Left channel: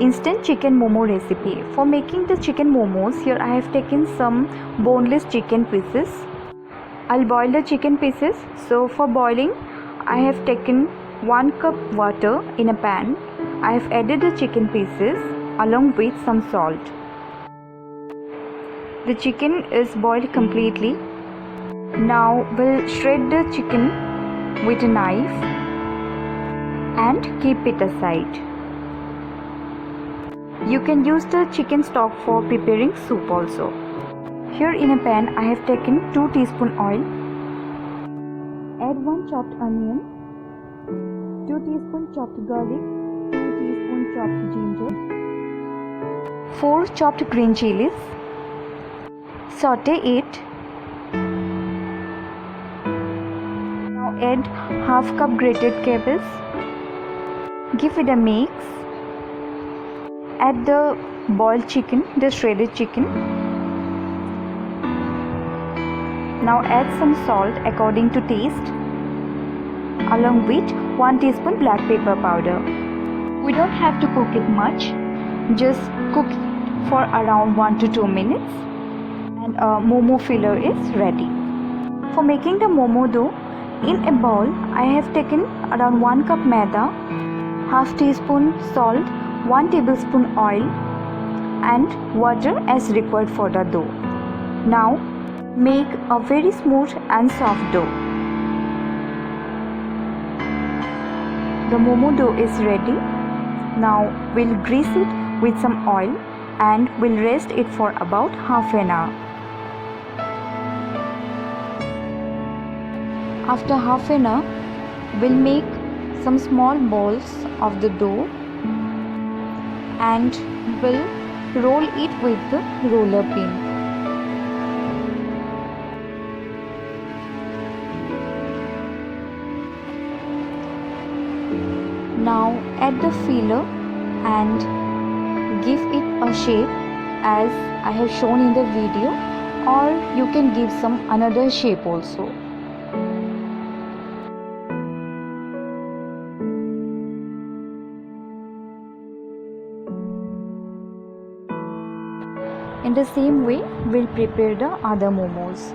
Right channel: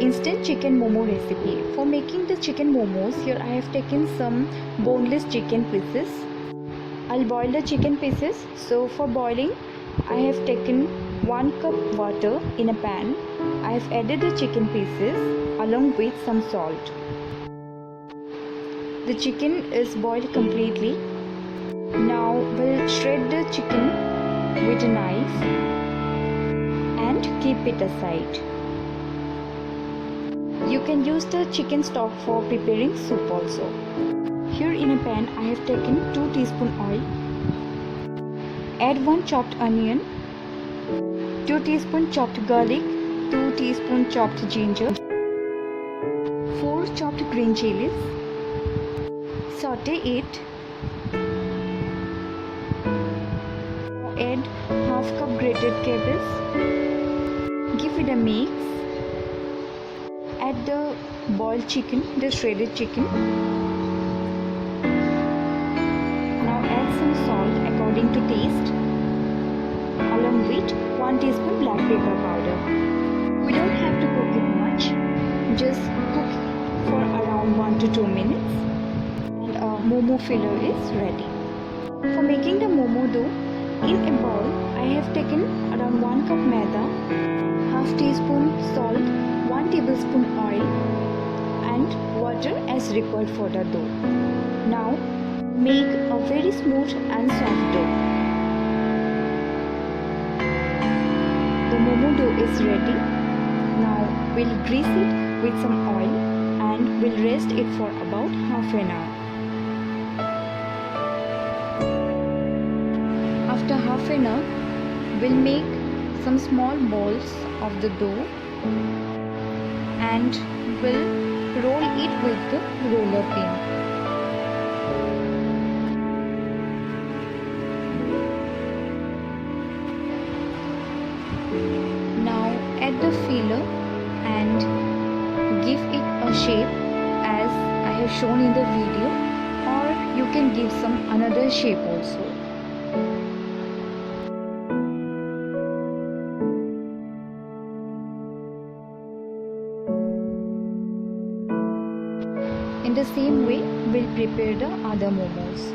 Instant chicken momo recipe. For making the chicken momos, here I have taken some boneless chicken pieces. I'll boil the chicken pieces. So for boiling, I have taken 1 cup water in a pan. I have added the chicken pieces along with some salt. The chicken is boiled completely. Now we'll shred the chicken with a knife and keep it aside. You can use the chicken stock for preparing soup also. Here in a pan I have taken 2 teaspoon oil. Add 1 chopped onion, 2 teaspoon chopped garlic, 2 teaspoon chopped ginger, 4 chopped green chilies. Saute it. Now add half cup grated cabbage. Give it a mix. Add the boiled chicken, the shredded chicken. Now add some salt according to taste, along with 1 teaspoon black pepper powder. We don't have to cook it much, just cook it for around 1 to 2 minutes and a momo filler is ready. For making the momo dough, in a bowl I have taken around 1 cup maida, half teaspoon salt, 1 tablespoon oil and water as required for the dough. Now make a very smooth and soft dough. The momo dough is ready. Now we'll grease it with some oil and we'll rest it for about half an hour. After half an hour, we'll make some small balls of the dough and we'll roll it with the roller pin. Now add the filler and give it a shape as I have shown in the video, or you can give some another shape also. In the same way, we'll prepare the other momos.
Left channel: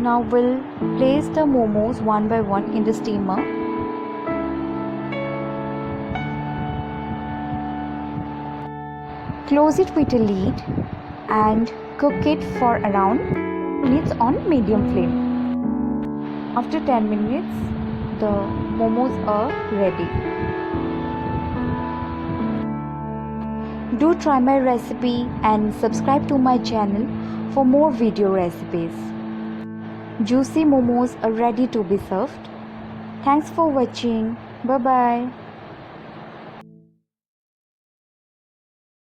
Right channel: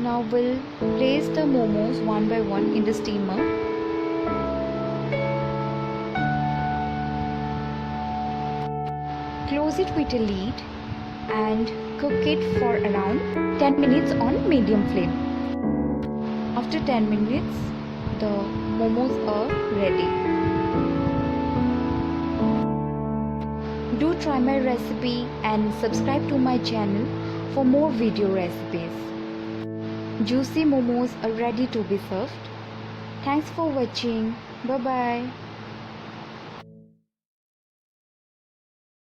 Now we'll place the momos one by one in the steamer. Close it with a lid and cook it for around 10 minutes on medium flame. After 10 minutes, the momos are ready. Do try my recipe and subscribe to my channel for more video recipes. Juicy momos are ready to be served. Thanks for watching. Bye bye.